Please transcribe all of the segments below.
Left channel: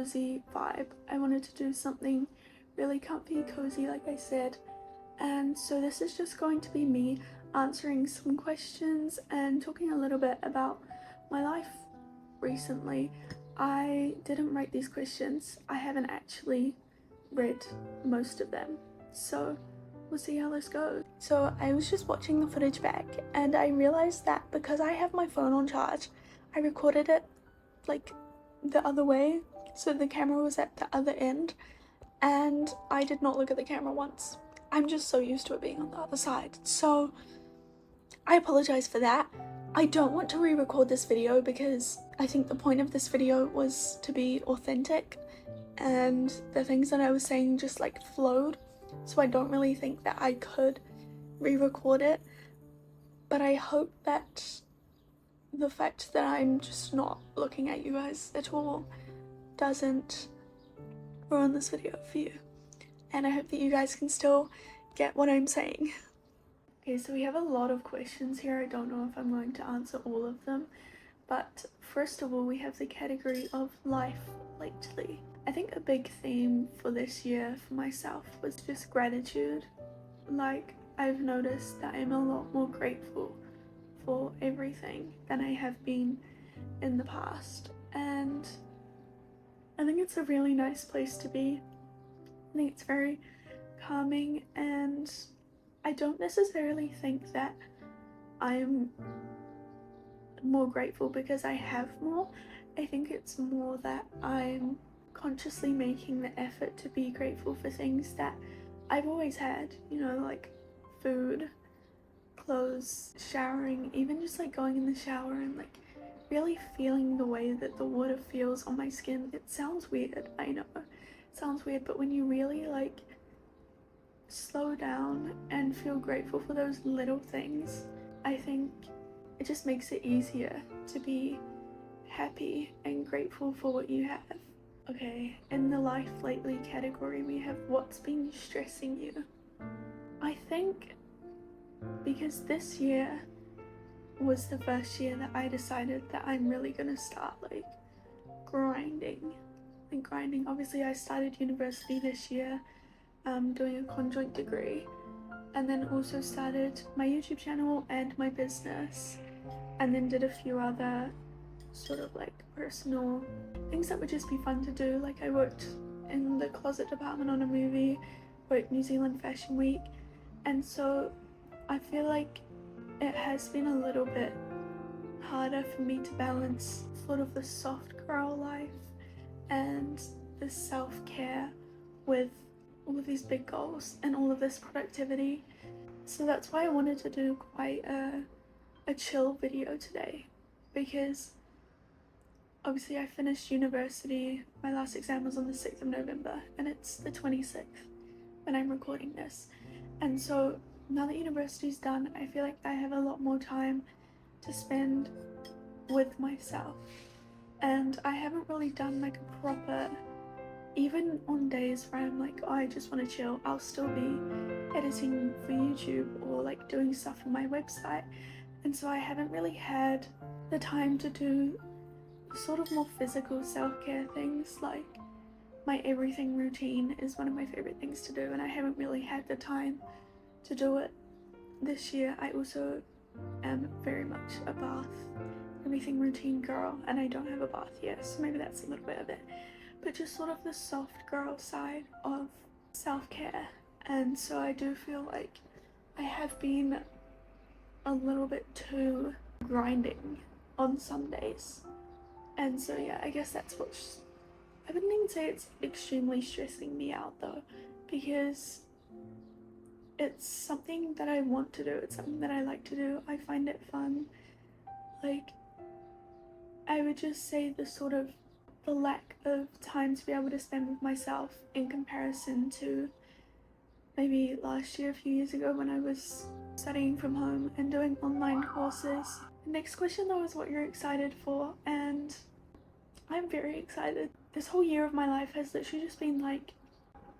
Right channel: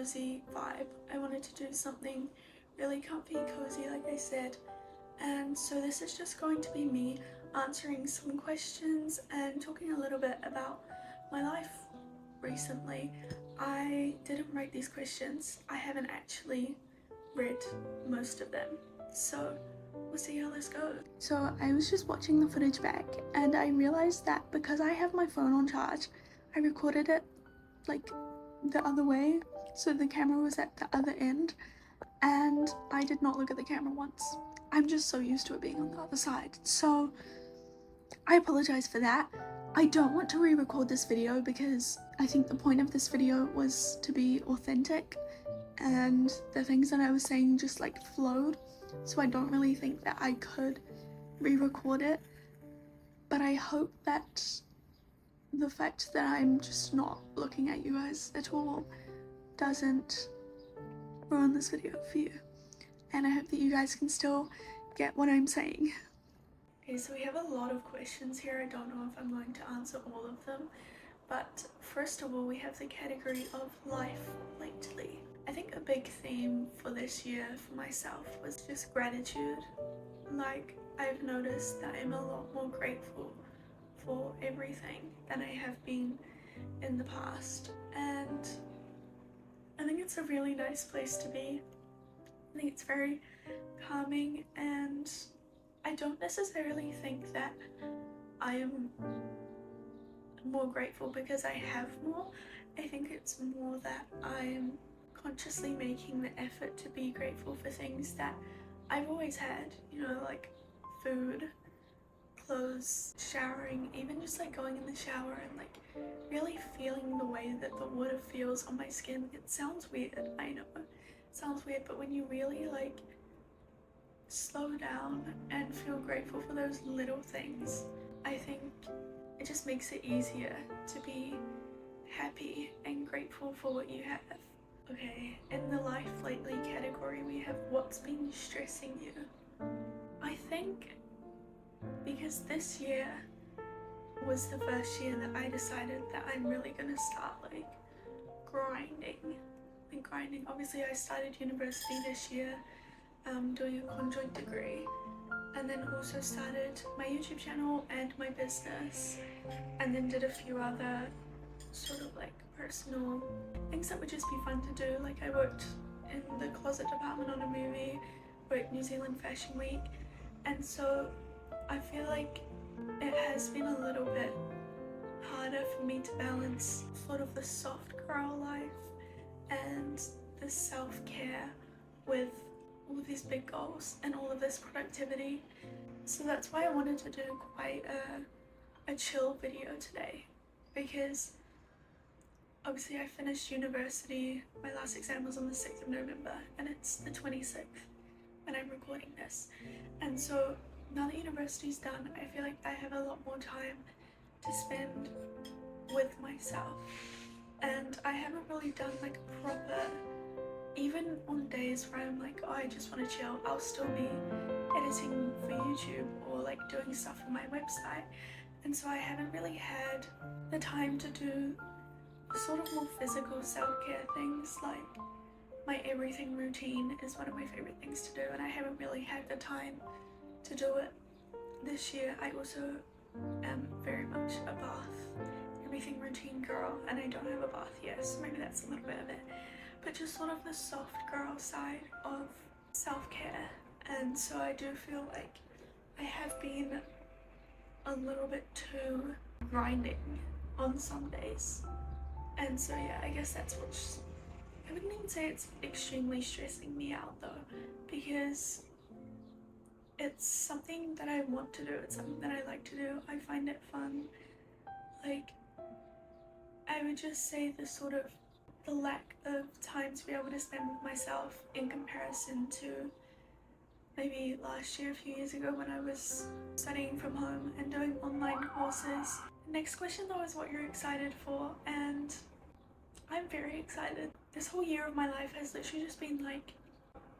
cozy vibe. I wanted to do something really comfy, cozy, like I said. And so this is just going to be me answering some questions and talking a little bit about my life recently. I didn't write these questions. I haven't actually read most of them. So we'll see how this goes. So I was just watching the footage back and I realized that because I have my phone on charge, I recorded it like the other way. So the camera was at the other end and I did not look at the camera once. I'm just so used to it being on the other side. So I apologize for that. I don't want to re-record this video because I think the point of this video was to be authentic and the things that I was saying just like flowed. So I don't really think that I could re-record it. But I hope that the fact that I'm just not looking at you guys at all doesn't ruin this video for you. And I hope that you guys can still get what I'm saying. Okay, so we have a lot of questions here. I don't know if I'm going to answer all of them. But first of all, we have the category of life lately. I think a big theme for this year for myself was just gratitude. Like, I've noticed that I'm a lot more grateful for everything than I have been in the past. And I think it's a really nice place to be. I think it's very calming, and I don't necessarily think that I'm more grateful because I have more. I think it's more that I'm consciously making the effort to be grateful for things that I've always had, you know, like food, clothes, showering, even just like going in the shower and like really feeling the way that the water feels on my skin. It sounds weird, I know, it sounds weird, but when you really like slow down and feel grateful for those little things, I think it just makes it easier to be happy and grateful for what you have. Okay, in the life lately category, we have what's been stressing you. I think because this year was the first year that I decided that I'm really gonna start like grinding. Obviously I started university this year, doing a conjoint degree, and then also started my YouTube channel and my business, and then did a few other sort of like personal things that would just be fun to do. Like I worked in the closet department on a movie, worked New Zealand Fashion Week, and so I feel like it has been a little bit harder for me to balance sort of the soft girl life and the self-care with all of these big goals and all of this productivity. So that's why I wanted to do quite a chill video today, because obviously I finished university. My last exam was on the 6th of November and it's the 26th when I'm recording this. And so now that university's done, I feel like I have a lot more time to spend with myself. And I haven't really done like a proper, even on days where I'm like, oh, I just want to chill, I'll still be editing for YouTube or like doing stuff on my website. And so I haven't really had the time to do sort of more physical self-care things. Like my everything routine is one of my favorite things to do, and I haven't really had the time to do it this year. I also am very much a bath everything routine girl, and I don't have a bath yet, so maybe that's a little bit of it. But just sort of the soft girl side of self-care. And so I do feel like I have been a little bit too grinding on some days. And so yeah, I guess that's what's, I wouldn't even say it's extremely stressing me out though, because it's something that I want to do, it's something that I like to do, I find it fun. Like, I would just say the lack of time to be able to spend with myself in comparison to maybe last year, a few years ago, when I was studying from home and doing online courses. The next question though is what you're excited for, and I'm very excited. This whole year of my life has literally just been like,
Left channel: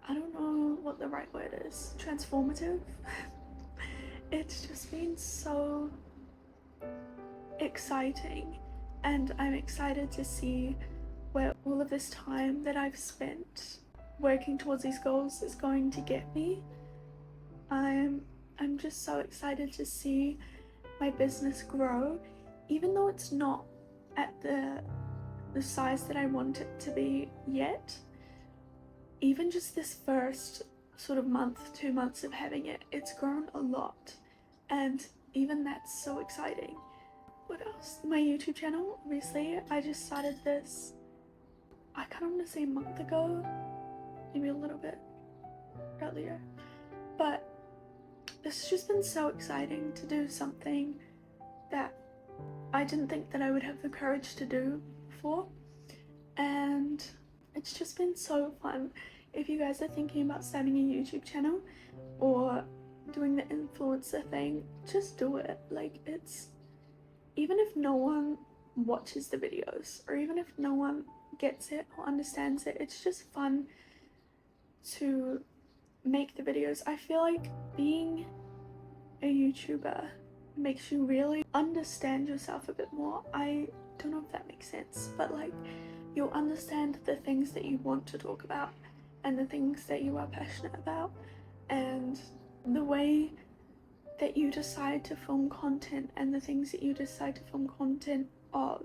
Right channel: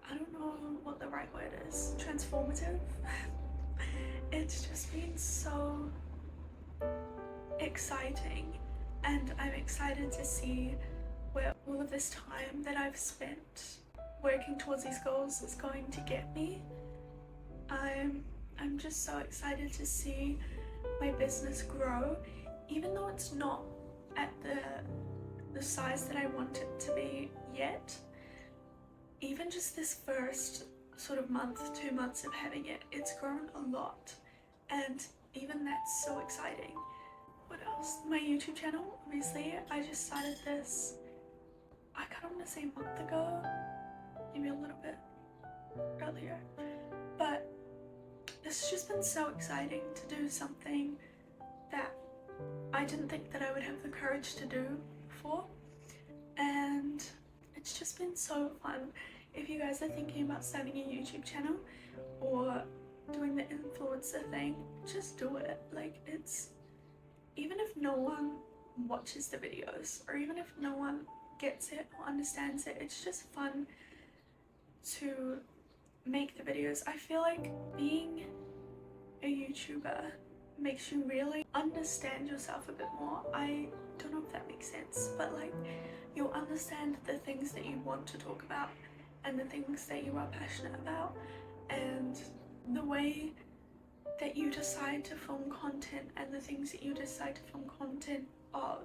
I don't know what the right word is, transformative. It's just been so exciting, and I'm excited to see where all of this time that I've spent working towards these goals is going to get me. I'm just so excited to see my business grow, even though it's not at the size that I want it to be yet. Even just this first sort of month, 2 months of having it, it's grown a lot, and even that's so exciting. What else? My YouTube channel, obviously, I just started this, I kind of want to say a month ago, maybe a little bit earlier, but this has just been so exciting to do something that I didn't think that I would have the courage to do before, and it's just been so fun. If you guys are thinking about starting a YouTube channel or doing the influencer thing, just do it. Like, it's, even if no one watches the videos or even if no one gets it or understands it, it's just fun to make the videos. I feel like being a YouTuber makes you really understand yourself a bit more. I don't know if that makes sense, but like, you'll understand the things that you want to talk about and the things that you are passionate about, and the way that you decide to film content and the things that you decide to film content of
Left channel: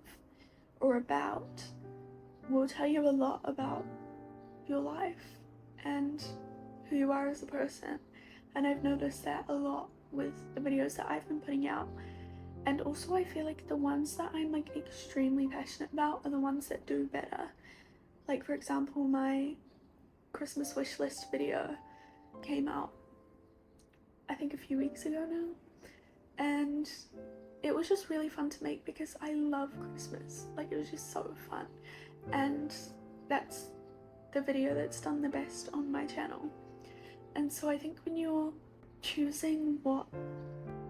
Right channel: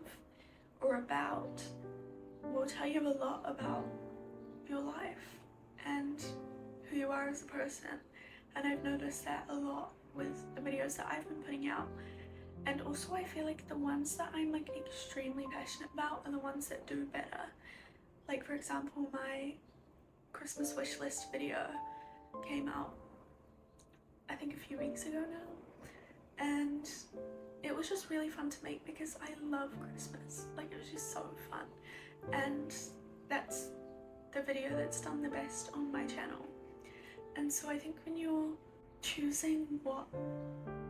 or about will tell you a lot about your life and who you are as a person. And I've noticed that a lot with the videos that I've been putting out. And also I feel like the ones that I'm like extremely passionate about are the ones that do better. Like, for example, my Christmas wish list video came out I think a few weeks ago now, and it was just really fun to make because I love Christmas. Like, it was just so fun, and that's the video that's done the best on my channel. And so I think when you're choosing what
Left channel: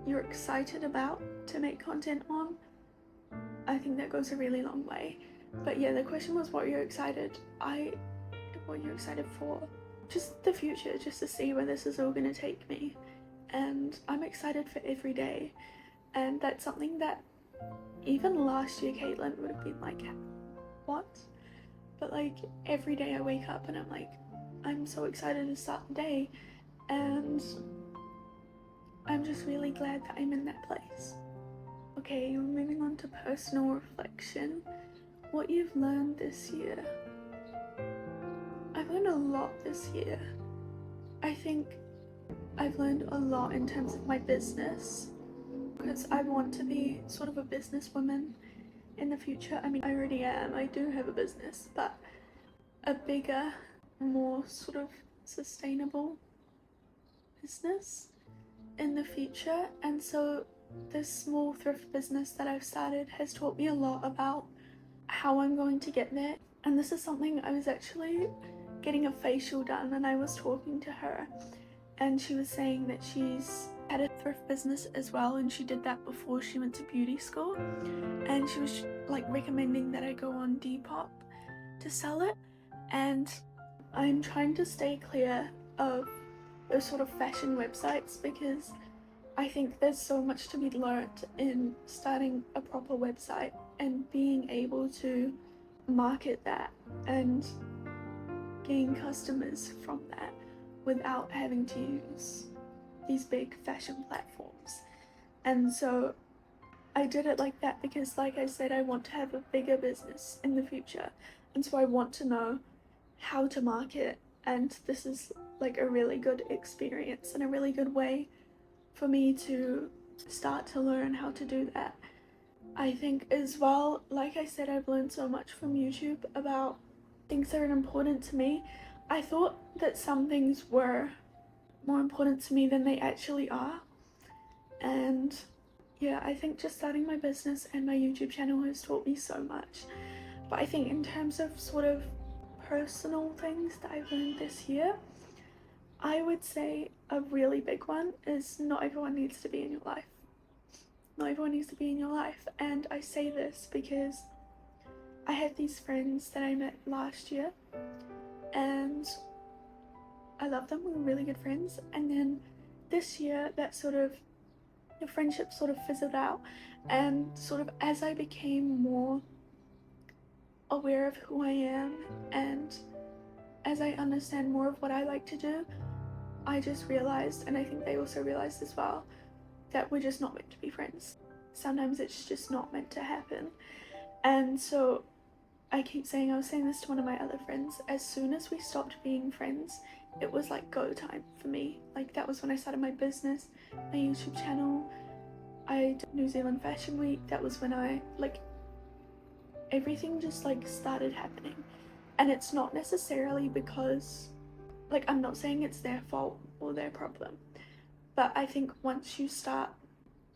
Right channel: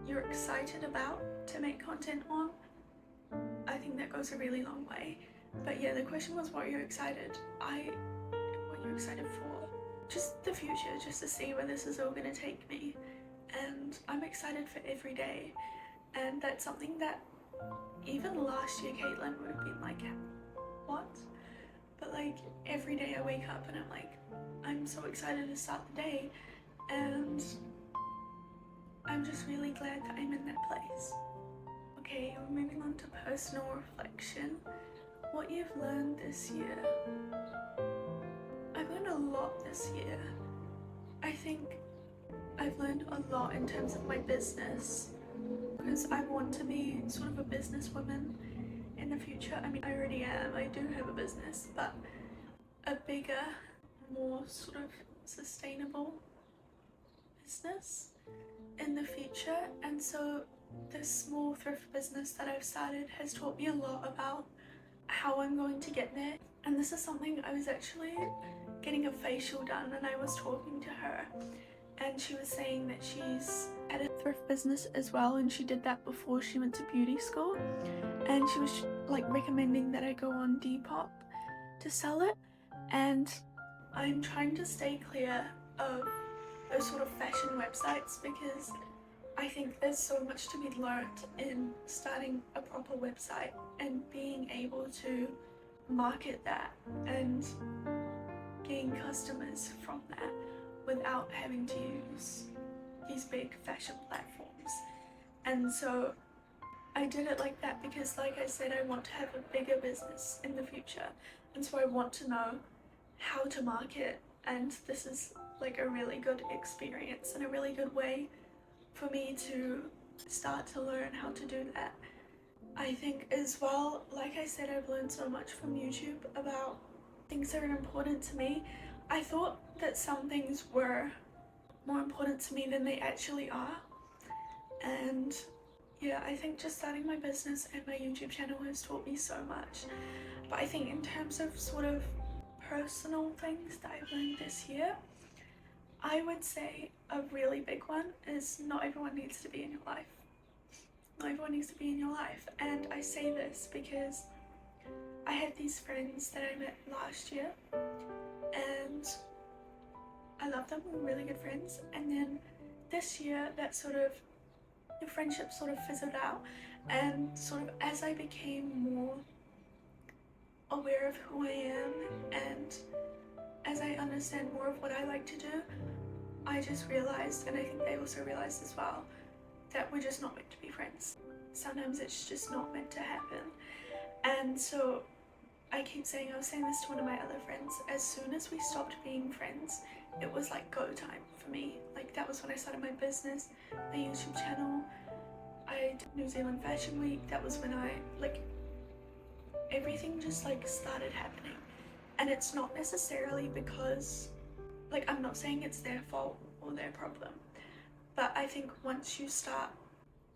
you're excited about to make content on, I think that goes a really long way. But yeah, the question was what you're excited for. Just the future, just to see where this is all gonna take me. And I'm excited for every day, and that's something that even last year Caitlin would have been like, what? But like, every day I wake up and I'm like, I'm so excited to start the day, and I'm just really glad that I'm in that place. Okay, we're moving on to personal reflection. What you've learned this year. I've learned a lot this year. I think I've learned a lot in terms of my business, because I want to be sort of a businesswoman in the future. I mean, I already am, I do have a business, but a bigger, more sort of sustainable business in the future. And so this small thrift business that I've started has taught me a lot about how I'm going to get there. And this is something, I was actually getting a facial done and I was talking to her, and she was saying that she's had a thrift business as well, and she did that before she went to beauty school, and she was like recommending that I go on Depop to sell it. And I'm trying to stay clear of those sort of fashion websites, because I think there's so much to be learnt in starting a proper website and being able to market that and gain customers from that without having to use these big fashion platforms. And so I did it like that because, like I said, I want to have a bigger business in the future, and so I want to know how to market, and this is like a really good experience and a really good way for me to start to learn how to do that. I think as well, like I said, I've learned so much from YouTube about things that are important to me. I thought that some things were more important to me than they actually are. And yeah, I think just starting my business and my YouTube channel has taught me so much. But I think in terms of sort of personal things that I've learned this year, I would say a really big one is not everyone needs to be in your life. Not everyone needs to be in your life. And I say this because I had these friends that I met last year, and I love them, we were really good friends. And then this year, that sort of, the friendship sort of fizzled out, and sort of as I became more aware of who I am, and as I understand more of what I like to do, I just realized, and I think they also realized as well, that we're just not meant to be friends. Sometimes it's just not meant to happen. And so I was saying this to one of my other friends, as soon as we stopped being friends, it was like go time for me. Like that was when I started my business, my YouTube channel. I did New Zealand Fashion Week. That was when everything just started happening. And it's not necessarily because, I'm not saying it's their fault or their problem, but I think once you start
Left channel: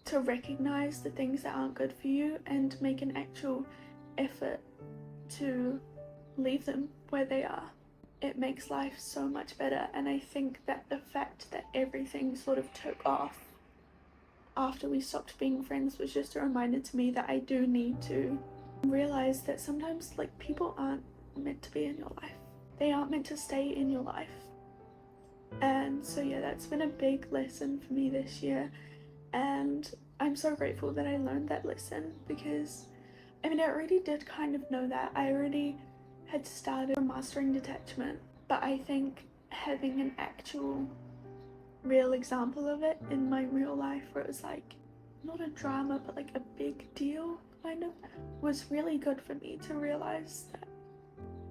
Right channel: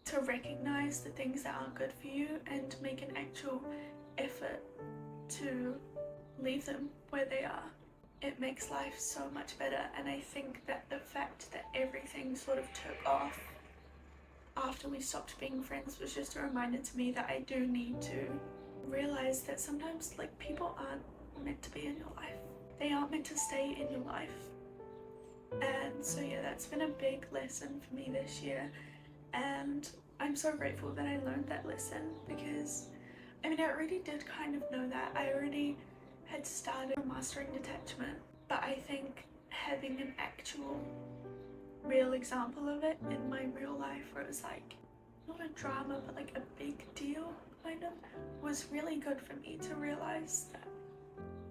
to recognize the things that aren't good for you and make an actual effort to leave them where they are, it makes life so much better. And I think that the fact that everything sort of took off after we stopped being friends was just a reminder to me that I do need to realize that sometimes people aren't meant to be in your life. They aren't meant to stay in your life. And so yeah, that's been a big lesson for me this year, and I'm so grateful that I learned that lesson, because I already did kind of know that. I already had started mastering detachment, but I think having an actual real example of it in my real life, where it was not a drama but a big deal kind of, was really good for me to realize that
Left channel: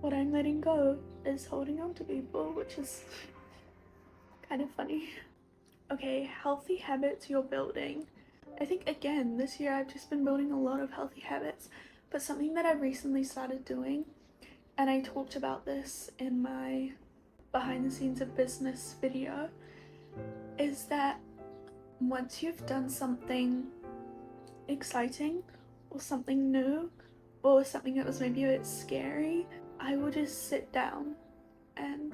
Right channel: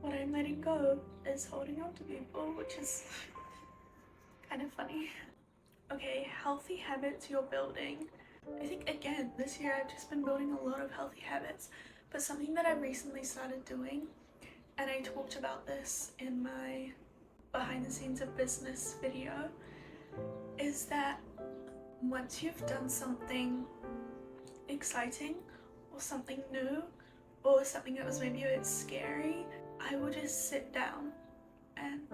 what I'm letting go is holding on to people, which is kind of funny. Okay, healthy habits you're building. I think again this year I've just been building a lot of healthy habits, but something that I recently started doing, and I talked about this in my behind the scenes of business video, is that once you've done something exciting or something new or something that was maybe a bit scary, I would just sit down and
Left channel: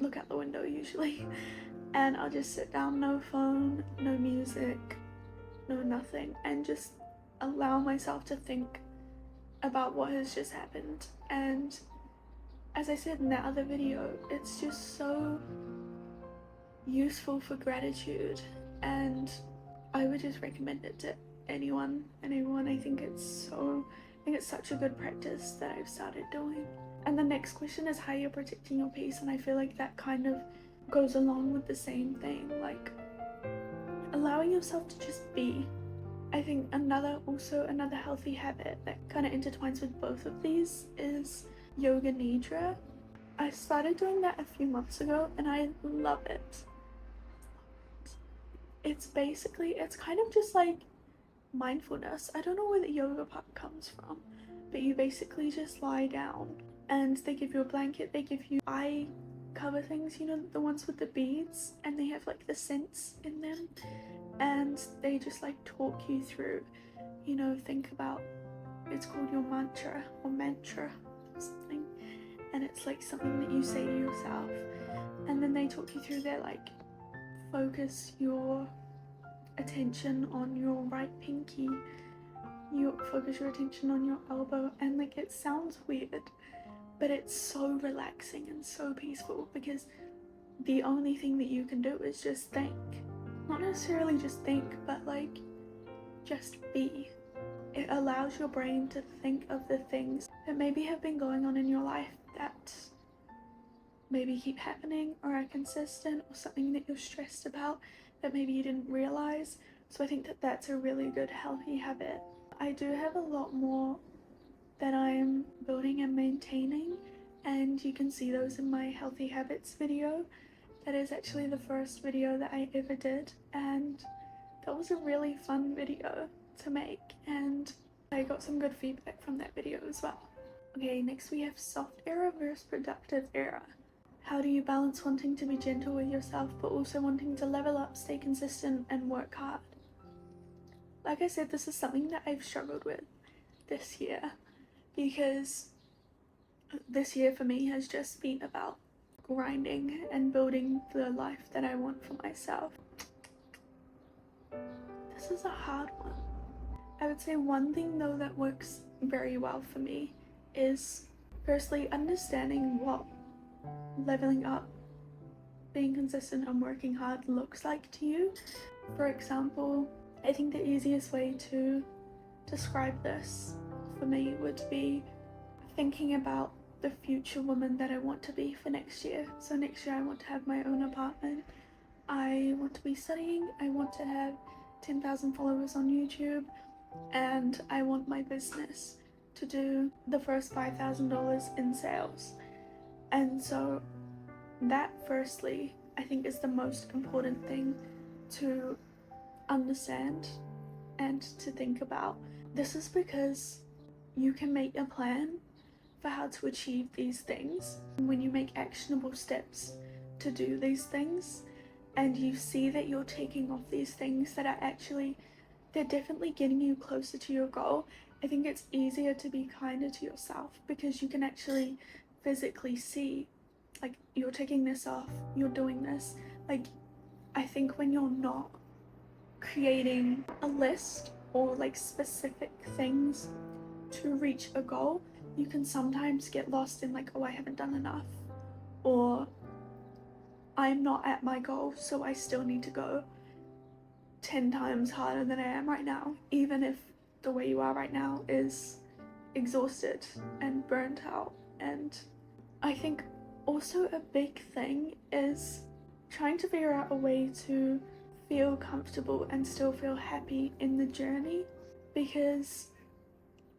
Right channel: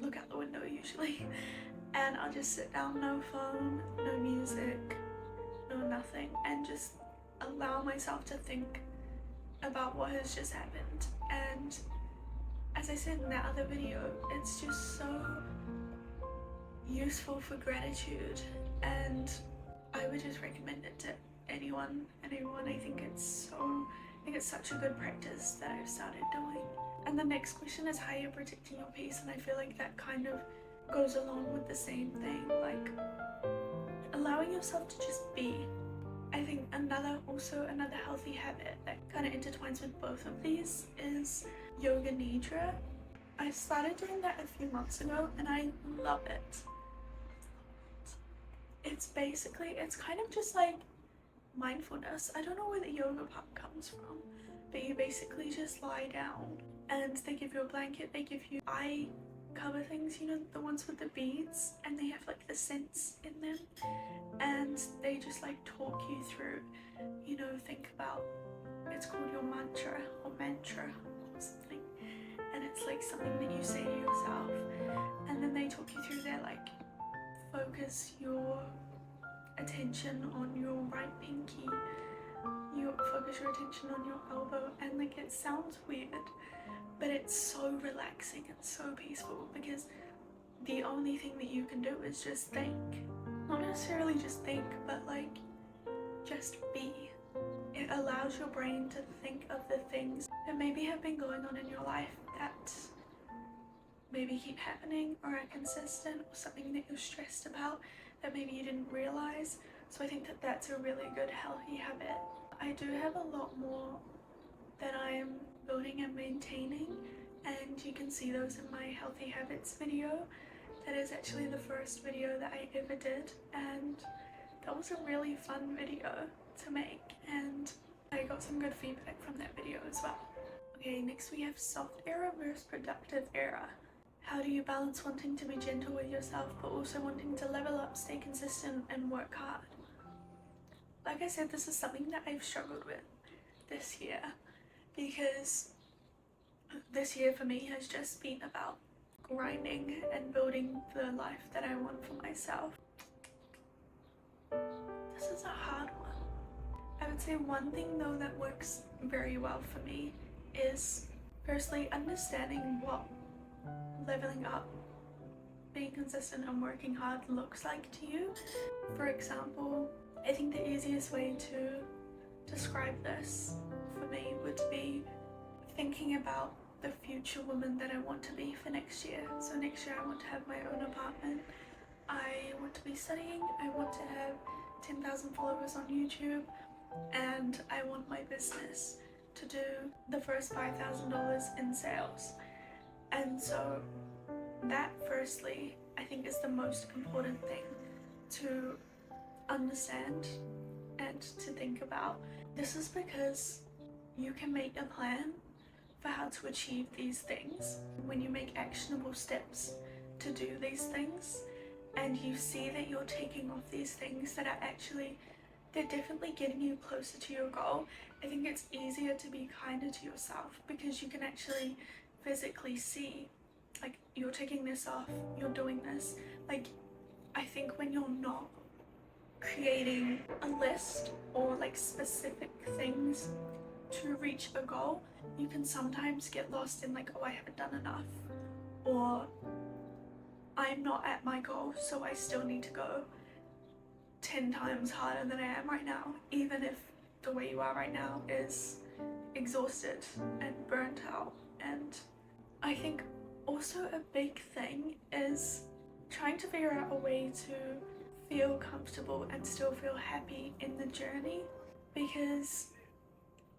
look out the window usually, and I'll just sit down, no phone, no music, no nothing, and just allow myself to think about what has just happened. And as I said in that other video, it's just so useful for gratitude, and I would just recommend it to anyone and everyone. I think it's such a good practice that I've started doing. And the next question is how you're protecting your peace, and I feel like that kind of goes along with the same thing, allowing yourself to just be. I think another healthy habit that kind of intertwines with both of these is yoga nidra. I started doing that a few months ago and I love it. It's kind of just like mindfulness. I don't know where the yoga part comes from, but you basically just lie down and they give you a blanket, they give you eye cover things, the ones with the beads, and they have the scents in them, and they just talk you through, think about, it's called your mantra or something, and it's something that you say to yourself, and then they talk you through their focus your attention on your right pinky, you focus your attention on your elbow, and it sounds weird, but it's so relaxing and so peaceful, because the only thing that you can do is just think. Not necessarily just think, but just be. It allows your brain to think of the things that maybe have been going on in your life that maybe keep happening or are consistent, or something that you're stressed about that maybe you didn't realize. So I think that that's a really good healthy habit. I do have a lot more that I'm building and maintaining, and you can see those in my healthy habits video. That is actually the first video that I ever did, and that was a really fun video to make, and I got some good feedback from that video as well. Okay, next we have soft era versus productive era. How do you balance wanting to be gentle with yourself but also wanting to level up, stay consistent, and work hard? Like I said, this is something that I've struggled with this year, because this year for me has just been about grinding and building the life that I want for myself. This is a hard one. I would say one thing though that works very well for me is firstly understanding what leveling up, being consistent and working hard looks like to you. For example, I think the easiest way to describe this for me would be thinking about the future woman that I want to be for next year. So next year I want to have my own apartment. I want to be studying. I want to have 10,000 followers on YouTube, and I want my business to do the first $5,000 in sales. And so that firstly, I think is the most important thing to understand and to think about. This is because you can make a plan for how to achieve these things. When you make actionable steps to do these things, and you see that you're taking off these things that are actually, they're definitely getting you closer to your goal, I think it's easier to be kinder to yourself because you can actually physically see, like, you're taking this off, you're doing this. Like, I think when you're not creating a list or like specific things to reach a goal, you can sometimes get lost in like, oh, I haven't done enough, or I'm not at my goal, so I still need to go 10 times harder than I am right now, even if the way you are right now is exhausted and burnt out. And I think also a big thing is trying to figure out a way to feel comfortable and still feel happy in the journey, because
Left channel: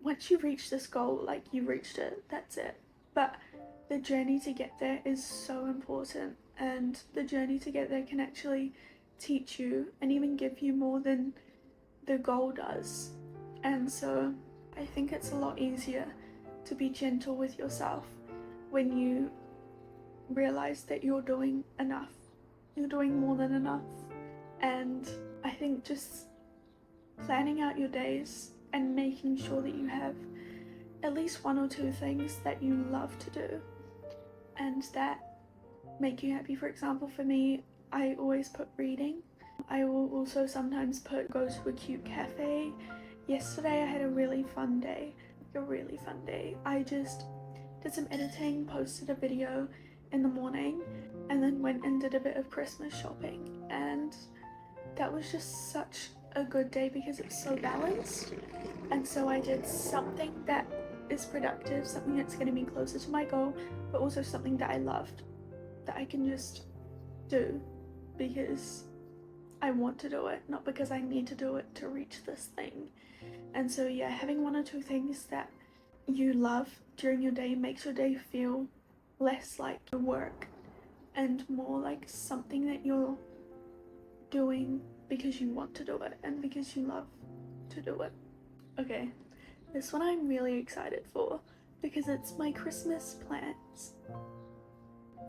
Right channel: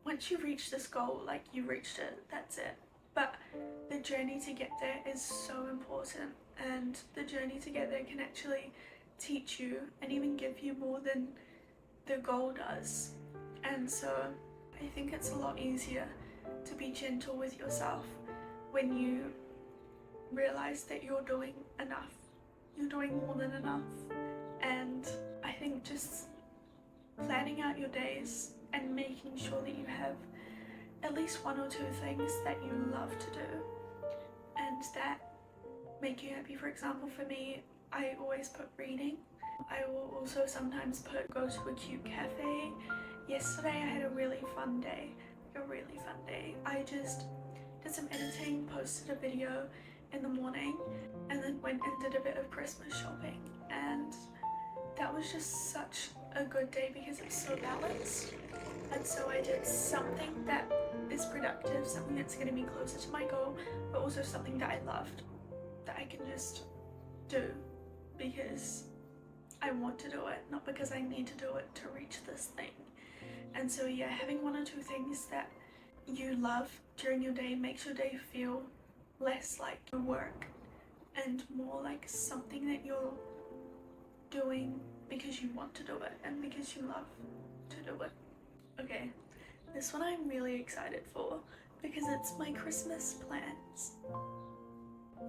once you reach this goal, like, you reached it, that's it. But the journey to get there is so important, and the journey to get there can actually teach you and even give you more than the goal does. And so I think it's a lot easier to be gentle with yourself when you realize that you're doing enough, you're doing more than enough. And I think just planning out your days and making sure that you have at least one or two things that you love to do and that make you happy. For example, for me, I always put reading. I will also sometimes put go to a cute cafe. Yesterday I had a really fun day, I just did some editing, posted a video in the morning, and then went and did a bit of Christmas shopping, and that was just such a good day because it was so balanced. And so I did something that is productive, something that's going to be closer to my goal, but also something that I loved, that I can just do because I want to do it, not because I need to do it to reach this thing. And so yeah, having one or two things that you love during your day makes your day feel less like work and more like something that you're doing because you want to do it and because you love to do it. Okay, this one I'm really excited for because it's my Christmas plans.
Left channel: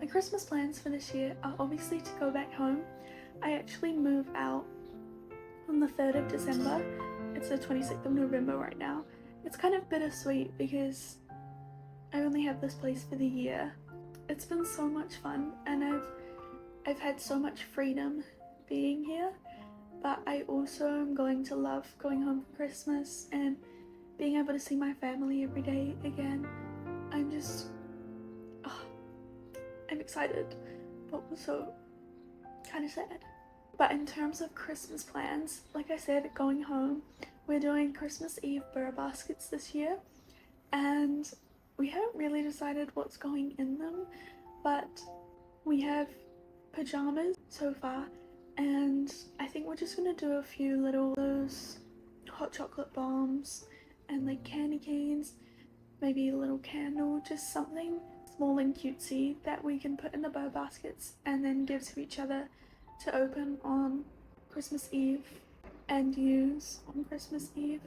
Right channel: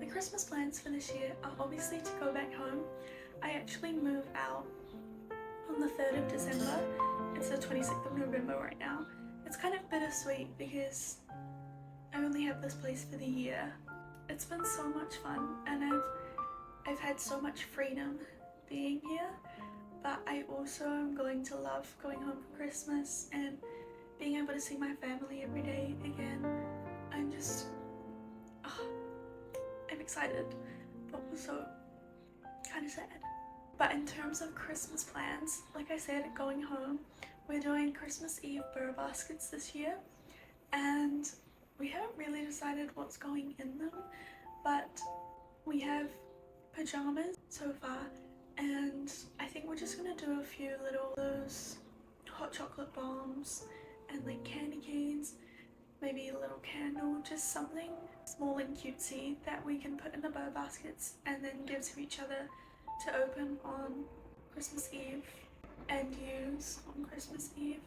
My Christmas plans for this year are obviously to go back home. I actually move out on the 3rd of December. It's the 26th of November right now. It's kind of bittersweet because I only have this place for the year. It's been so much fun and I've had so much freedom being here, but I also am going to love going home for Christmas and being able to see my family every day again. I'm just, I'm excited, but also kind of sad. But in terms of Christmas plans, like I said, going home, we're doing Christmas Eve burr baskets this year, and we haven't really decided what's going in them, but we have pajamas so far, and I think we're just gonna do a few little those hot chocolate bombs and like candy canes, maybe a little candle, just something small and cutesy that we can put in the burr baskets and then give to each other to open on Christmas Eve and use on Christmas Eve.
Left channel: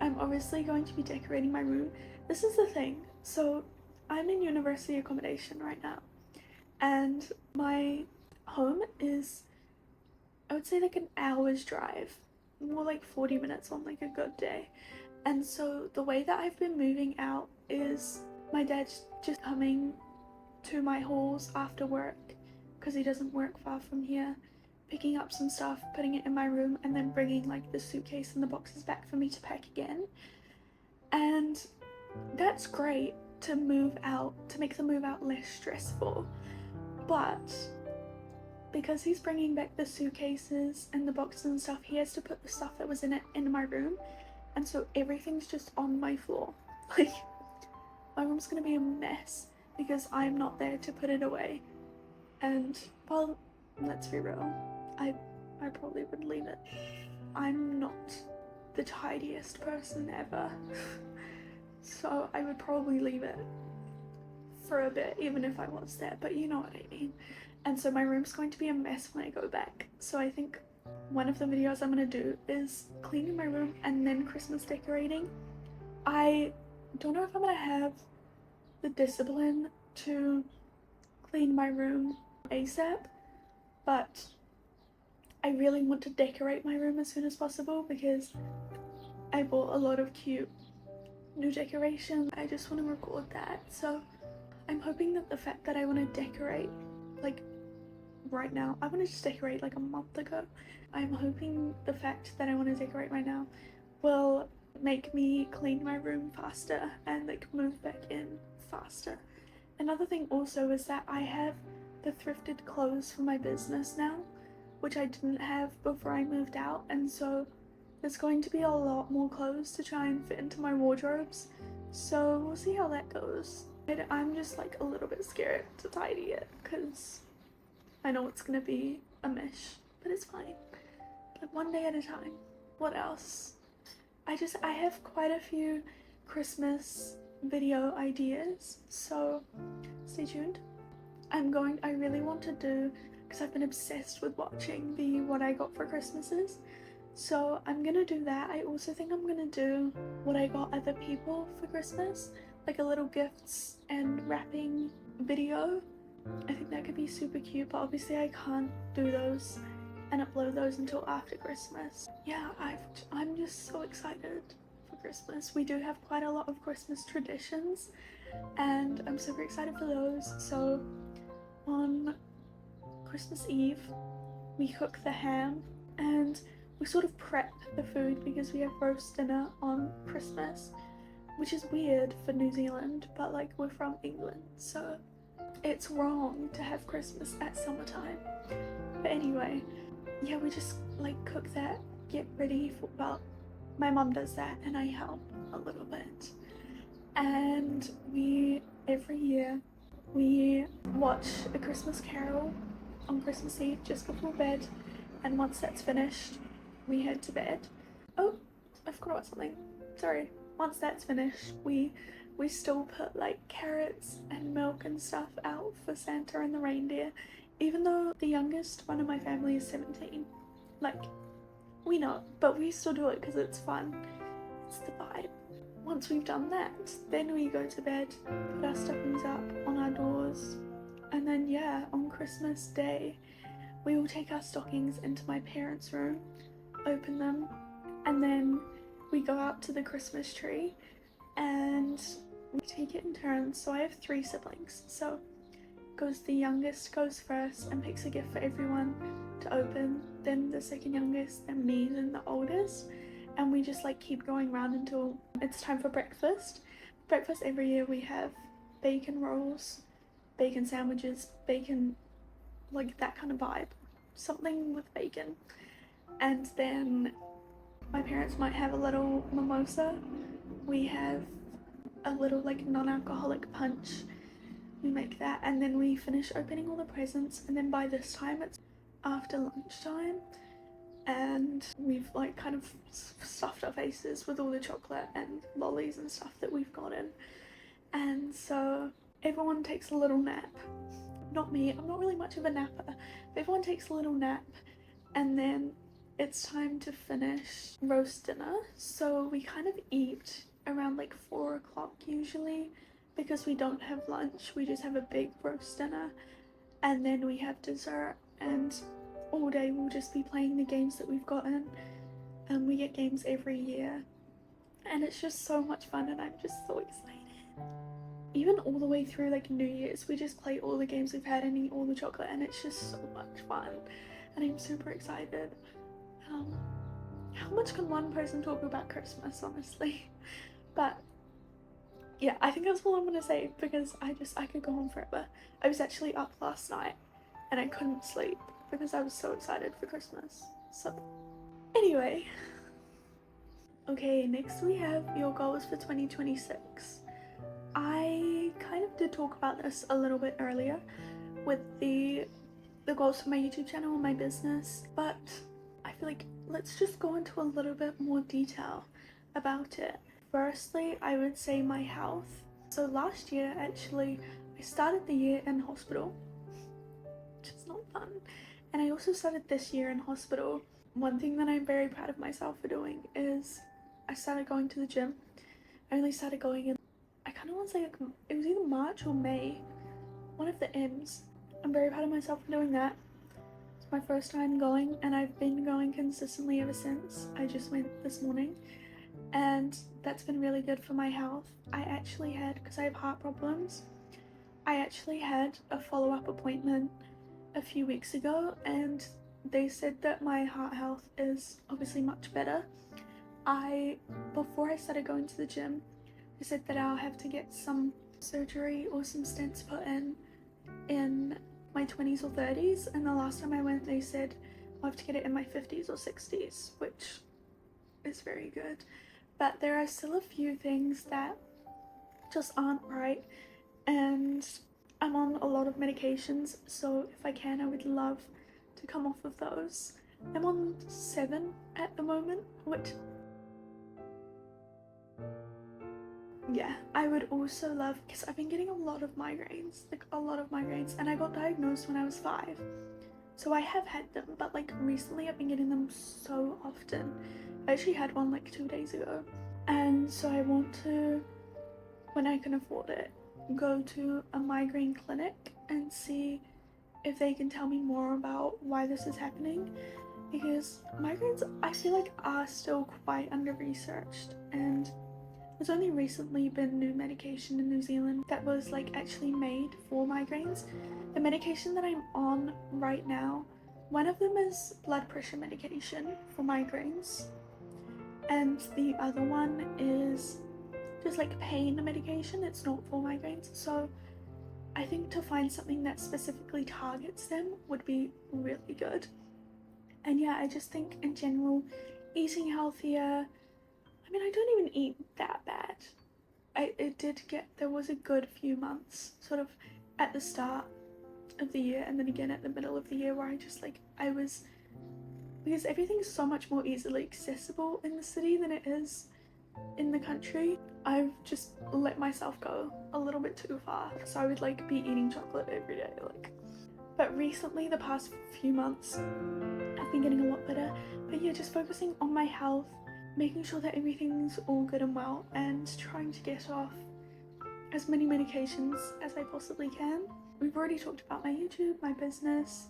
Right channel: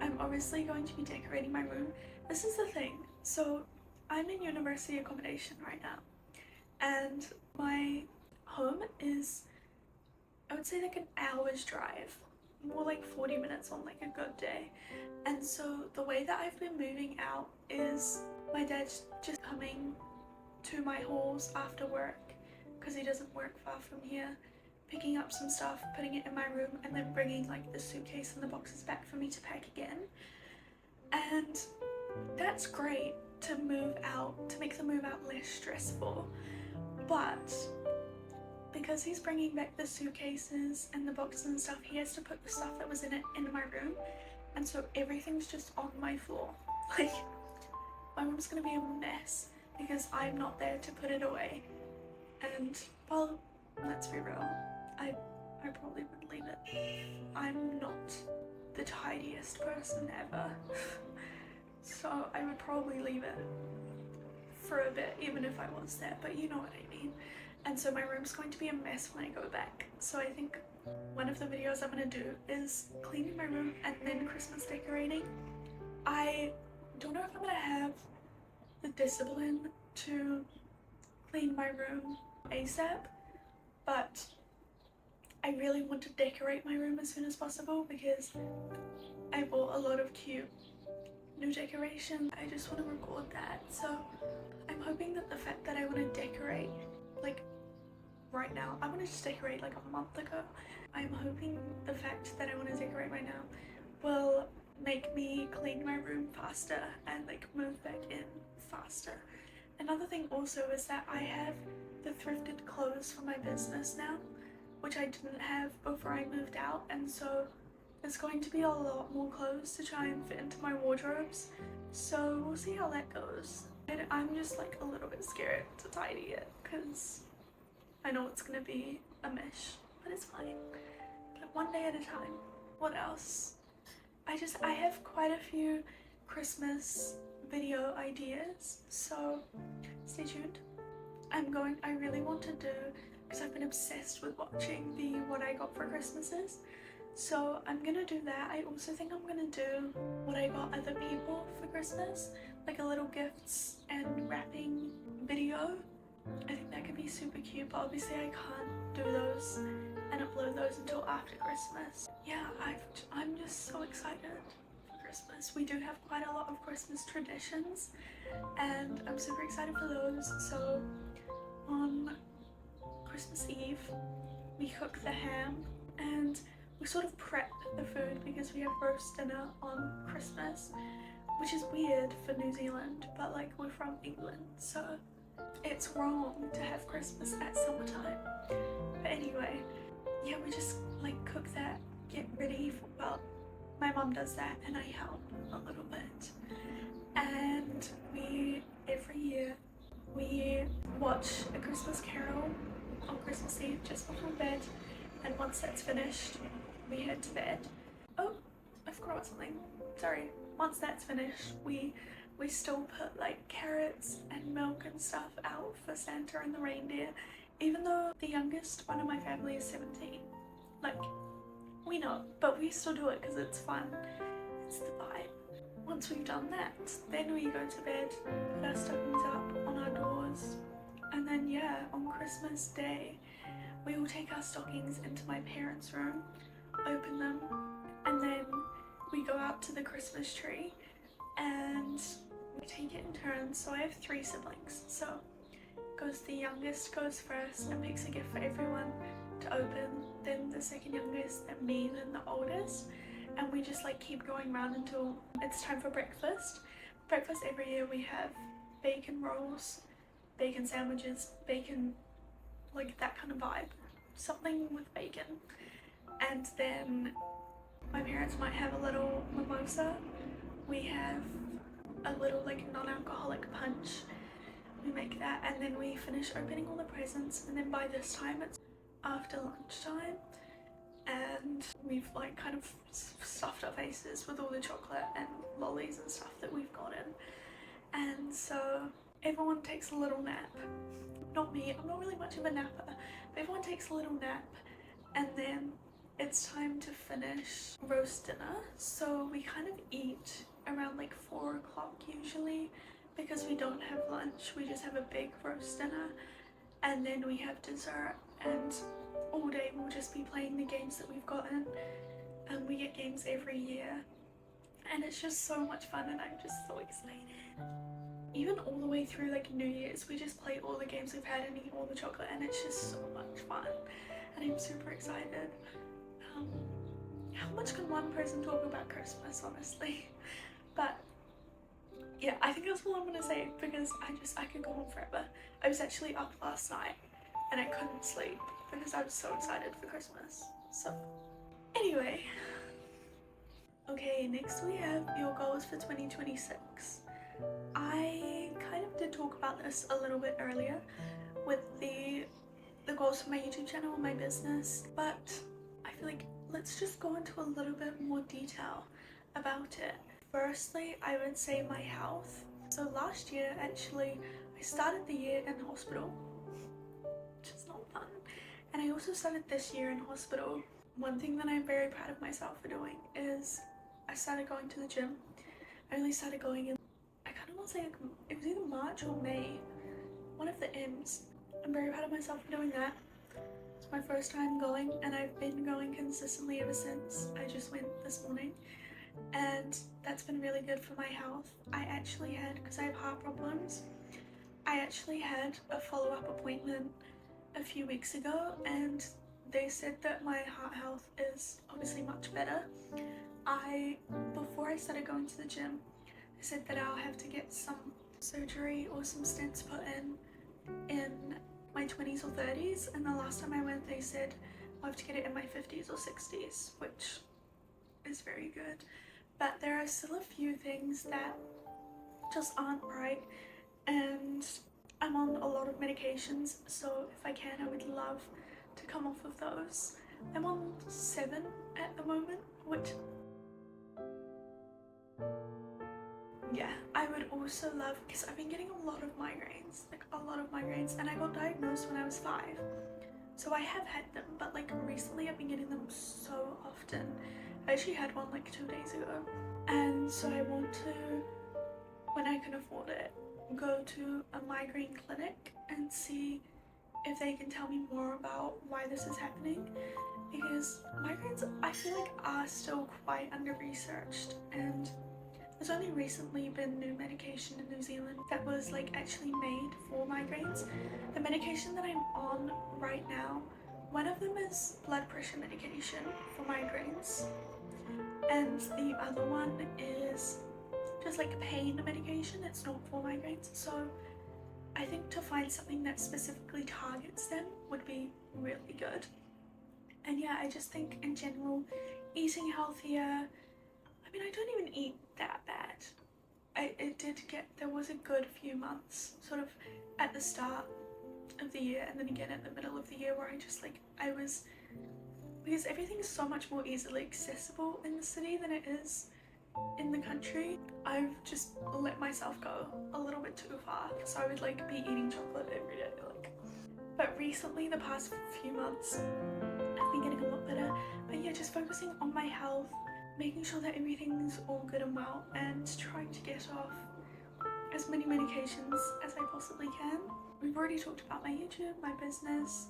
I'm obviously going to be decorating my room. This is the thing, so I'm in university accommodation right now and my home is, I would say, like an hour's drive, more like 40 minutes on like a good day. And so the way that I've been moving out is my dad's just coming to my halls after work because he doesn't work far from here, picking up some stuff, putting it in my room, and then bringing like the suitcase and the boxes back for me to pack again. And that's great to move out, to make the move out less stressful. But because he's bringing back the suitcases and the boxes and stuff, he has to put the stuff that was in it in my room, and so everything's just on my floor. Like, my room's gonna be a mess because I'm not there to put it away. And well, let's be real, I probably would leave it. I'm not the tidiest person ever. So I would probably leave it for a bit even if I was there, but you know what I mean. And so my room's going to be a mess when I go back. So I think one of the videos I'm gonna do is cleaning my room and then Christmas decorating. I don't know if I'm gonna have the discipline to clean my room ASAP, but I really want to decorate my room as soon as possible because I bought a lot of cute new decorations. I just want to record that. So I'm hoping that the fact that I want to decorate like right now, I wanted to decorate like a month ago. I'm hoping the fact that I want to decorate right now will make me clean my room faster and like move back in faster. Another thing also is that I have the thrifted clothes for my business now, which I didn't have before I moved out, and so there's going to be a lot more clothes to try and fit into my wardrobes, so we'll see how that goes. I'm just like a little bit scared to tidy it because I know it's gonna be a mess, but it's fine. Like one day at a time. What else? I have quite a few Christmas video ideas, so stay tuned. I really want to do, because I've been obsessed with watching the what I got for Christmases, so I'm gonna do that. I also think I'm gonna do what I got other people for Christmas, like a little gifts and wrapping video. I think that could be super cute, but obviously I can't do those and upload those until after Christmas. Yeah, I'm just so excited for Christmas. We do have quite a lot of Christmas traditions and I'm super excited for those. So on Christmas Eve we cook the ham and we sort of prep the food because we have roast dinner on Christmas, which is weird for New Zealand, but like we're from England, so it's wrong to have Christmas at summertime. But anyway, yeah, we just like cook that, get ready for, well, my mum does that and I help a little bit. And every year we watch A Christmas Carol on Christmas Eve just before bed, and once that's finished we head to bed. Oh, I forgot about something, sorry. Once that's finished we still put like carrots and milk and stuff out for Santa and the reindeer, even though the youngest one in my family is 17. Like, we know, but we still do it because it's fun, it's the vibe. Once we've done that, then we go to bed, put our stockings up on our doors, and then yeah, on Christmas Day we will take our stockings into my parents' room, open them, and then we go out to the Christmas tree and we take it in turns. So I have 3 siblings, so the youngest goes first and picks a gift for everyone to open, then the second youngest, then me, then the oldest, and we just like keep going around until it's time for breakfast. Breakfast every year we have bacon rolls, bacon sandwiches, bacon, like that kind of vibe, something with bacon. And then my parents might have a little mimosa. We have a little like non-alcoholic punch. We make that and then we finish opening all the presents, and then by this time it's after lunchtime and we've like kind of stuffed our faces with all the chocolate and lollies and stuff that we've gotten, and so everyone takes a little nap. Not me, I'm not really much of a napper, but everyone takes a little nap and then it's time to finish roast dinner. So we kind of eat around like 4 o'clock usually because we don't have lunch, we just have a big roast dinner and then we have dessert, and all day we'll just be playing the games that we've gotten, and we get games every year and it's just so much fun and I'm just so excited. Even all the way through like New Year's we just play all the games we've had and eat all the chocolate, and it's just so much fun and I'm super excited. How much can one person talk about Christmas, honestly? But yeah, I think that's all I'm gonna say because I could go on forever. I was actually up last night and I couldn't sleep because I was so excited for Christmas. So anyway, okay, next we have your goals for 2026. I kind of did talk about this a little bit earlier with the goals for my YouTube channel and my business, but I feel like let's just go into a little bit more detail about it. Firstly, I would say my health. So last year, actually, I started the year in hospital, which is not fun. And I also started this year in hospital. One thing that I'm very proud of myself for doing is I started going to the gym. I only started going in, I kind of want to say like, it was either March or May, one of the M's. I'm very proud of myself for doing that. It's my first time going and I've been going consistently ever since. I just went this morning and that's been really good for my health. I actually had, because I have heart problems, I actually had a follow-up appointment a few weeks ago and they said that my heart health is obviously much better. Before I started going to the gym, they said that I'll have to get some surgery or some stents put in my 20s or 30s, and the last time I went they said I'll have to get it in my 50s or 60s, which is very good. But there are still a few things that just aren't right, and I'm on a lot of medications, so if I can I would love to come off of those. I'm on 7 at the moment, which yeah, I would also love, because I've been getting a lot of migraines, and I got diagnosed when I was 5. So I have had them, but like recently I've been getting them so often. I actually had one like 2 days ago. And so I want to, when I can afford it, go to a migraine clinic and see if they can tell me more about why this is happening. Because migraines, I feel like, are still quite under-researched, and there's only recently been new medication in New Zealand that was like actually made for migraines. The medication that I'm on right now, one of them is blood pressure medication for migraines, and the other one is just like pain medication. It's not for migraines. So I think to find something that specifically targets them would be really good. And yeah, I just think in general, eating healthier, I mean, I don't even eat that bad. There was a good few months sort of at the start of the year and then again at the middle of the year where because everything's so much more easily accessible in the city than it is in the country, I've just let myself go a little bit too far. So I would like be eating chocolate every day, like. But recently, the past few months, I've been getting a lot better. But yeah, just focusing on my health, making sure that everything's all good and well, and trying to get off as many medications as I possibly can. We've already talked about my YouTube, my business,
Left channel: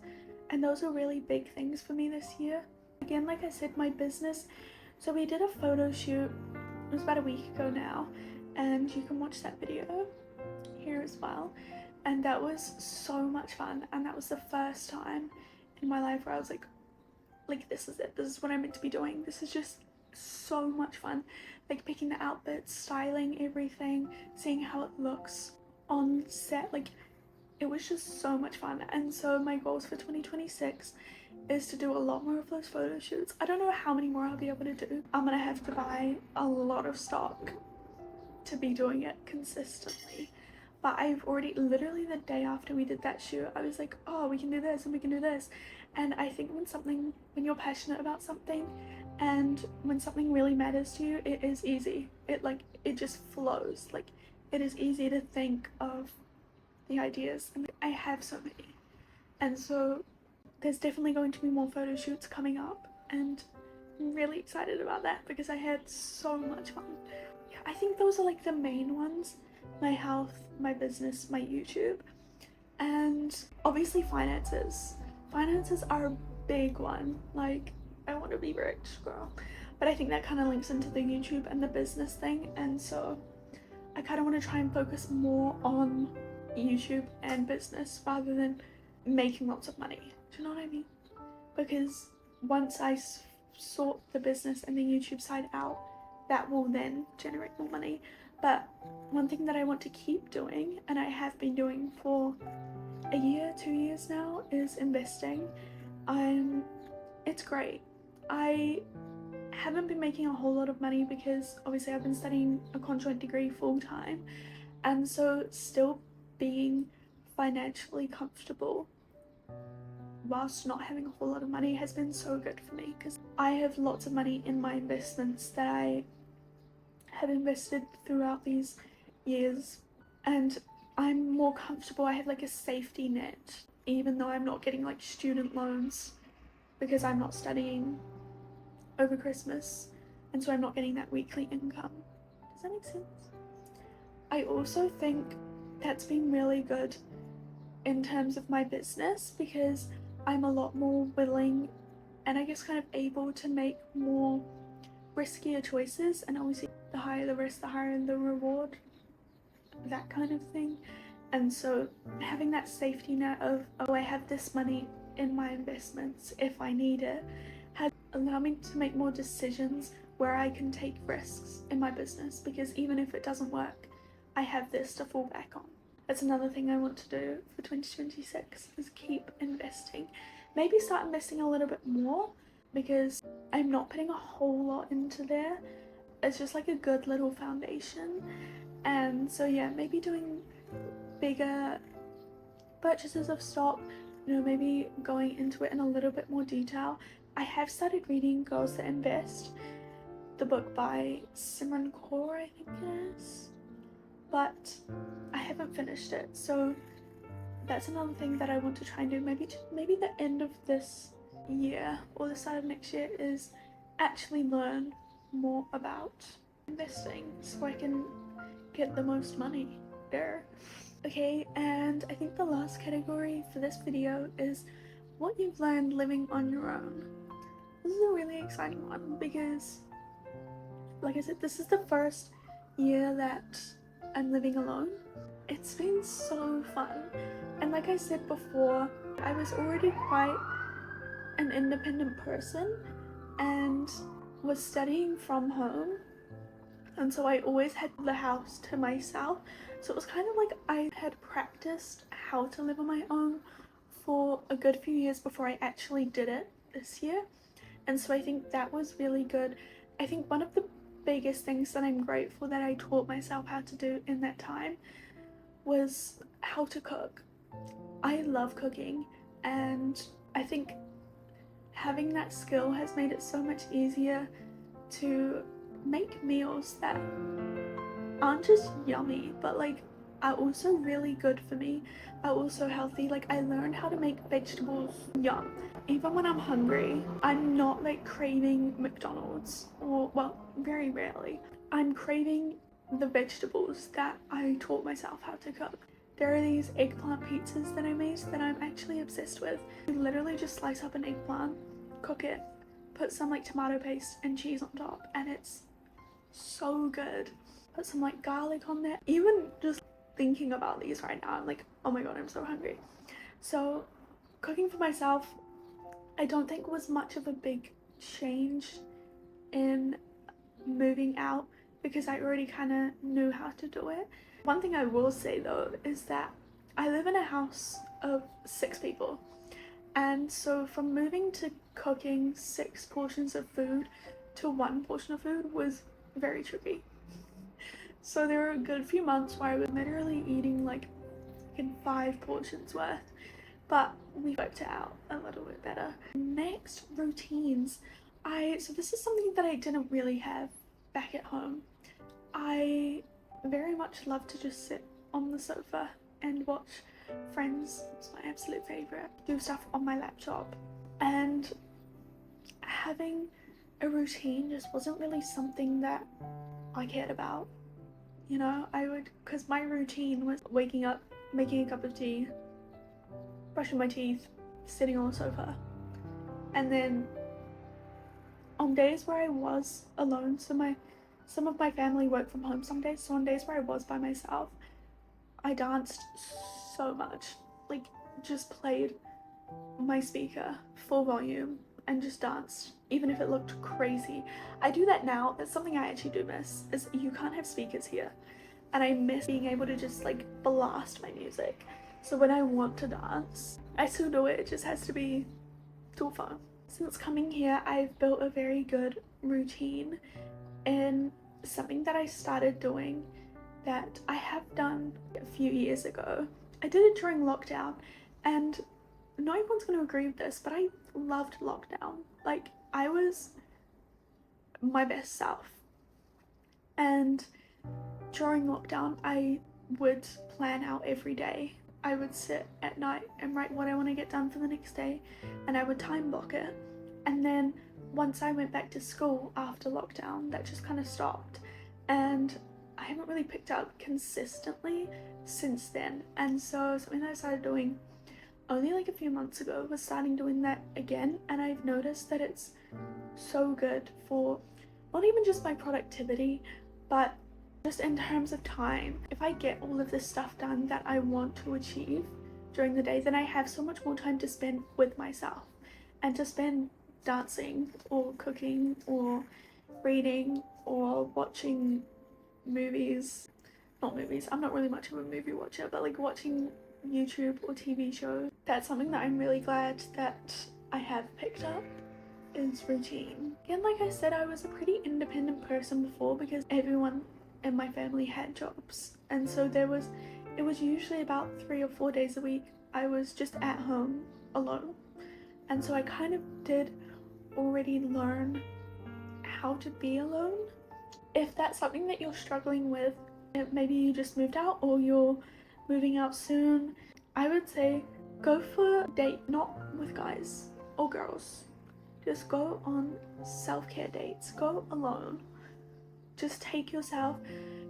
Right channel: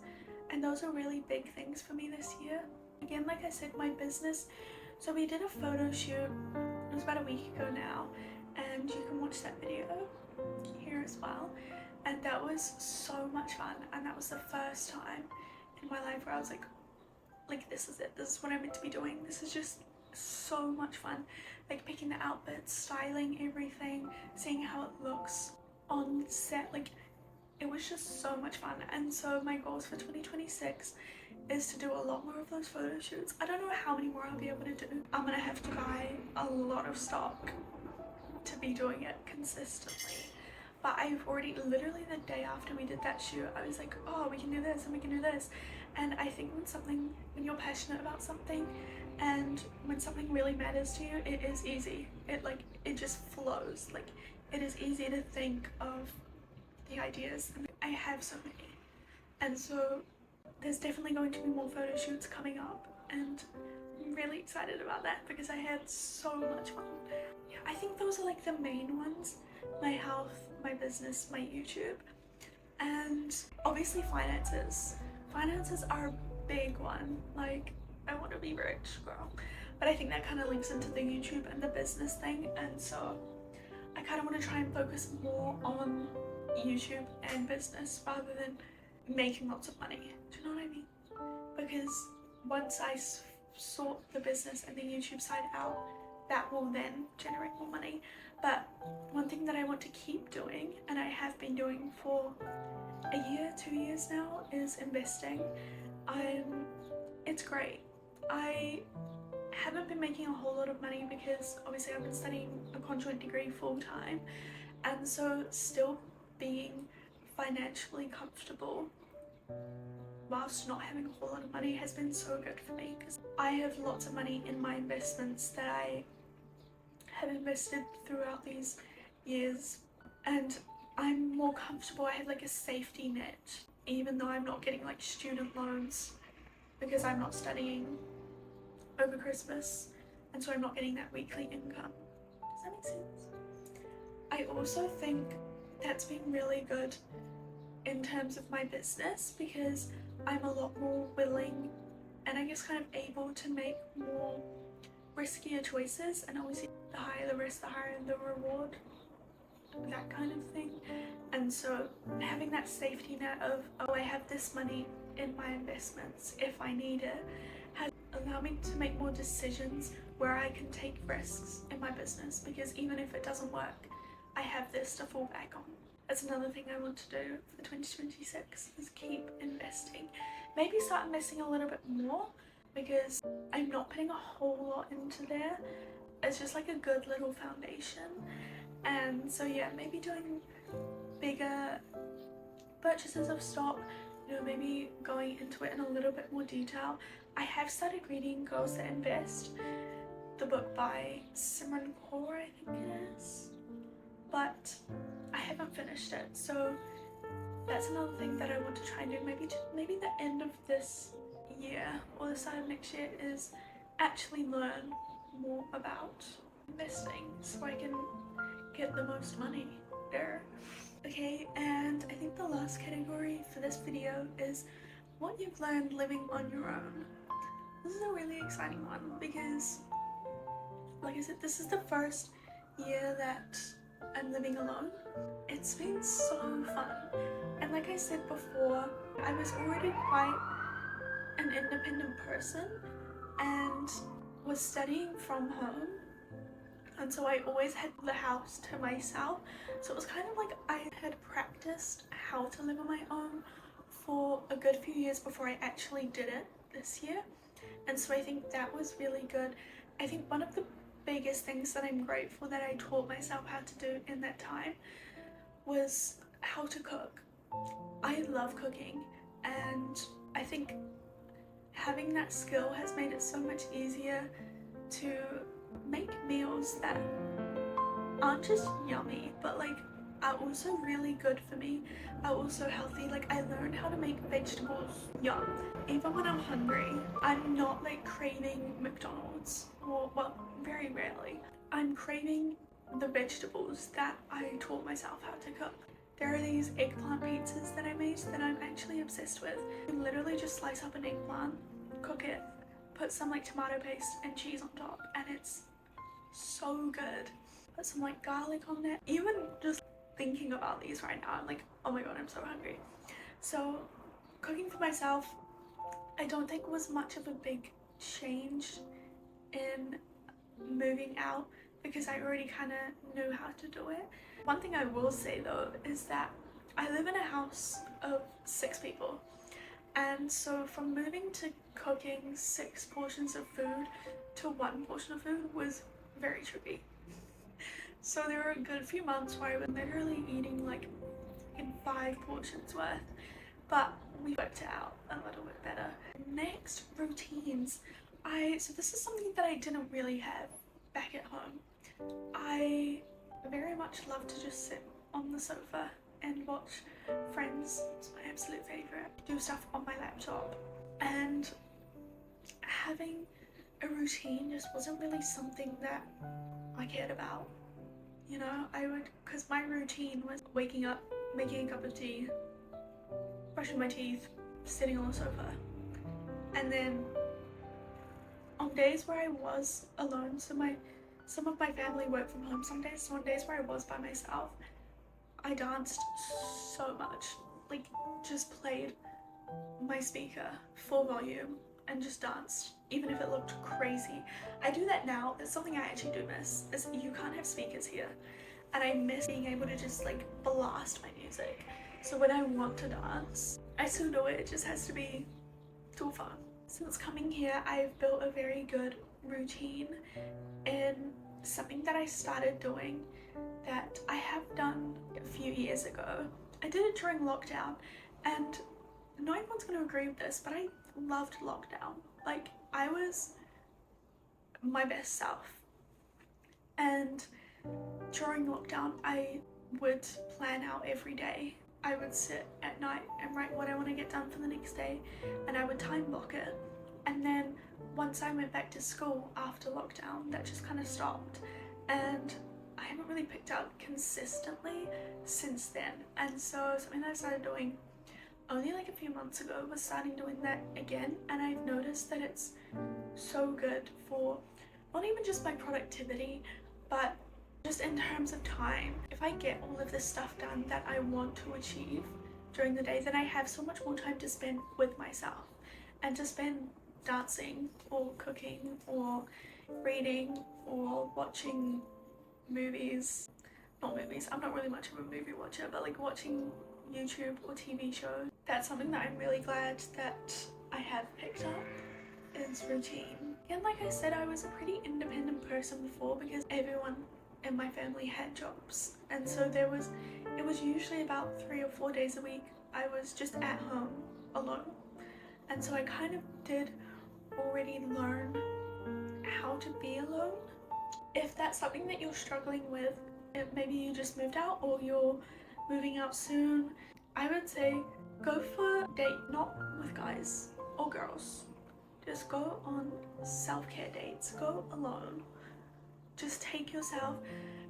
and those are really big things for me this year. Again, like I said, my business, so we did a photo shoot, it was about a week ago now, and you can watch that video here as well. And that was so much fun, and that was the first time in my life where I was like this is it, this is what I'm meant to be doing. This is just so much fun, like picking the outfits, styling everything, seeing how it looks on set. Like, it was just so much fun. And so my goals for 2026 is to do a lot more of those photo shoots. I don't know how many more I'll be able to do. I'm gonna have to buy a lot of stock to be doing it consistently. But I've already, literally the day after we did that shoot, I was like, oh, we can do this and we can do this. And I think when you're passionate about something and when something really matters to you, it is easy. It just flows. Like, it is easy to think of the ideas, and I have so many. And so there's definitely going to be more photo shoots coming up, and I'm really excited about that because I had so much fun. Yeah, I think those are like the main ones: my health, my business, my YouTube, and obviously finances. Finances are a big one. Like, I want to be rich, girl. But I think that kind of links into the YouTube and the business thing, and so I kind of want to try and focus more on YouTube and business rather than making lots of money. Do you know what I mean? Because once I sort the business and the YouTube side out, that will then generate more money. But one thing that I want to keep doing, and I have been doing for a year, 2 years now, is investing. It's great. I haven't been making a whole lot of money because obviously I've been studying a conjoint degree full time, And so still being financially comfortable whilst not having a whole lot of money has been so good for me, because I have lots of money in my investments that I have invested throughout these years, and I'm more comfortable. I have like a safety net, even though I'm not getting like student loans because I'm not studying over Christmas, and so I'm not getting that weekly income. Does that make sense? I also think that's been really good in terms of my business, because I'm a lot more willing and I guess kind of able to make more riskier choices, and obviously the higher the risk, the higher the reward, that kind of thing. And so having that safety net of, oh, I have this money in my investments if I need it, has allowed me to make more decisions where I can take risks in my business, because even if it doesn't work, I have this to fall back on. That's another thing I want to do for 2026, is keep investing. Maybe start investing a little bit more, because I'm not putting a whole lot into there. It's just like a good little foundation. And so yeah, maybe doing bigger purchases of stock, you know, maybe going into it in a little bit more detail. I have started reading Girls That Invest, the book by Simran Kaur, I think it is, but I haven't finished it. So that's another thing that I want to try and do. Maybe the end of this year or the start of next year is actually learn more about investing so I can get the most money there. Okay, and I think the last category for this video is what you've learned living on your own. This is a really exciting one because, like I said, this is the first year that I'm living alone. It's been so fun, and like I said before, I was already quite an independent person and was studying from home, and so I always had the house to myself. So it was kind of like I had practiced how to live on my own for a good few years before I actually did it this year, and so I think that was really good. I think one of the biggest things that I'm grateful that I taught myself how to do in that time was how to cook. I love cooking, and I think having that skill has made it so much easier to make meals that aren't just yummy, but like are also really good for me, are also healthy. Like I learned how to make vegetables yum. Even when I'm hungry, I'm not like craving McDonald's, or well, very rarely. I'm craving the vegetables that I taught myself how to cook. There are these eggplant pizzas that I made that I'm actually obsessed with. You literally just slice up an eggplant, cook it, put some like tomato paste and cheese on top, and it's so good. Put some like garlic on there. Even just thinking about these right now, I'm like, oh my god, I'm so hungry. So cooking for myself, I don't think was much of a big change in moving out, because I already kind of knew how to do it. One thing I will say though is that I live in a house of 6 people, and so from moving to cooking 6 portions of food to 1 portion of food was very tricky. So there were a good few months where I was literally eating like in 5 portions worth, but we worked it out a little bit better. Next, routines. So this is something that I didn't really have back at home. I very much love to just sit on the sofa and watch Friends. It's my absolute favorite. Do stuff on my laptop, and having a routine just wasn't really something that I cared about. You know, because my routine was waking up, making a cup of tea, brushing my teeth, sitting on the sofa, and then on days where I was alone, some of my family worked from home some days, so on days where I was by myself, I danced so much. Like, just played my speaker full volume and just danced, even if it looked crazy. I do that now. That's something I actually do miss, is you can't have speakers here, and I miss being able to just like blast my music. So when I want to dance, I still do it. It just has to be too fun. Since coming here, I've built a very good routine, and something that I started doing that I have done a few years ago. I did it during lockdown, and no one's going to agree with this, but I loved lockdown. Like, I was my best self. And during lockdown, I would plan out every day. I would sit at night and write what I want to get done for the next day, and I would time block it. And then once I went back to school after lockdown, that just kind of stopped, and I haven't really picked up consistently since then. And so something that I started doing only like a few months ago was starting doing that again, and I've noticed that it's so good for not even just my productivity, but just in terms of time. If I get all of this stuff done that I want to achieve during the day, then I have so much more time to spend with myself and to spend dancing or cooking or reading or watching movies. Not movies, I'm not really much of a movie watcher, but like watching YouTube or TV shows. That's something that I'm really glad that I have picked up, is routine. And like I said, I was a pretty independent person before because everyone in my family had jobs, and so it was usually about 3 or 4 days a week I was just at home alone. And so I kind of did already learn how to be alone. If that's something that you're struggling with, maybe you just moved out or you're moving out soon, I would say go for a date, not with guys or girls. Just go on self-care dates, go alone. Just take yourself.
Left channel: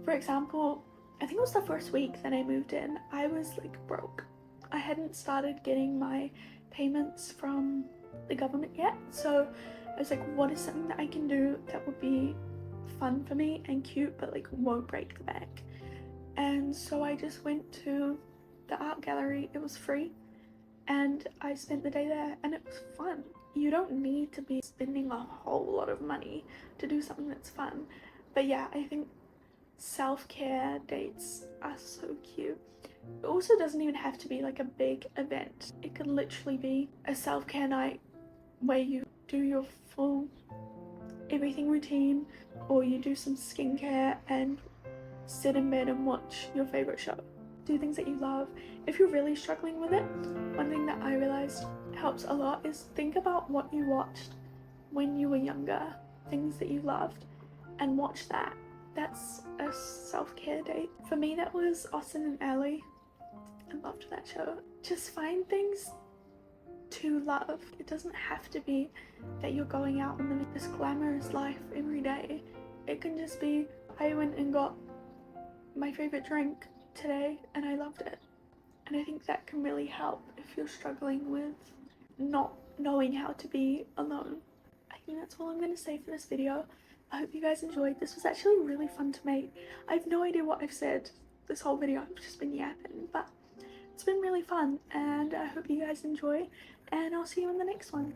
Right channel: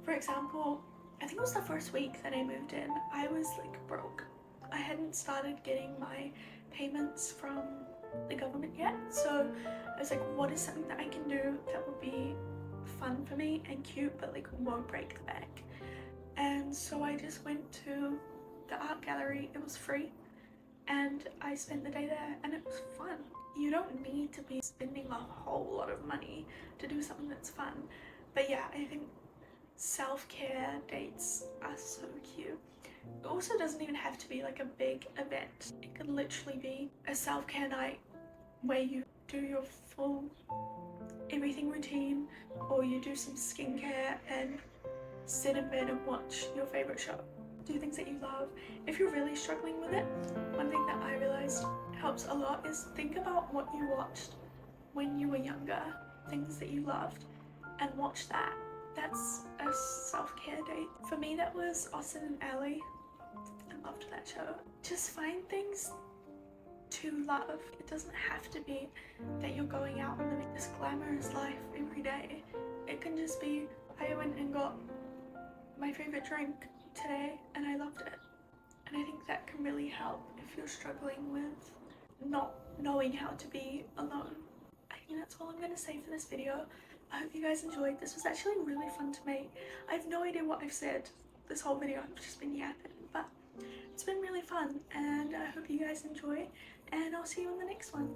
For example, I think it was the first week that I moved in, I was like broke. I hadn't started getting my payments from the government yet, so I was like, what is something that I can do that would be fun for me and cute but like won't break the bank? And so I just went to the art gallery. It was free, and I spent the day there, and it was fun. You don't need to be spending a whole lot of money to do something that's fun. But yeah, I think self-care dates are so cute. It also doesn't even have to be like a big event. It could literally be a self-care night where you do your full everything routine, or you do some skincare and sit in bed and watch your favorite show. Do things that you love. If you're really struggling with it, one thing that I realized helps a lot is think about what you watched when you were younger, things that you loved, and watch that. That's a self-care date. For me, that was Austin and Ally. I loved that show. Just find things to love. It doesn't have to be that you're going out and living this glamorous life every day. It can just be, I went and got my favorite drink today and I loved it. And I think that can really help if you're struggling with not knowing how to be alone. I think that's all I'm going to say for this video. I hope you guys enjoyed. This was actually really fun to make. I have no idea what I've said this whole video. I've just been yapping, but it's been really fun, and I hope you guys enjoy, and I'll see you in the next one.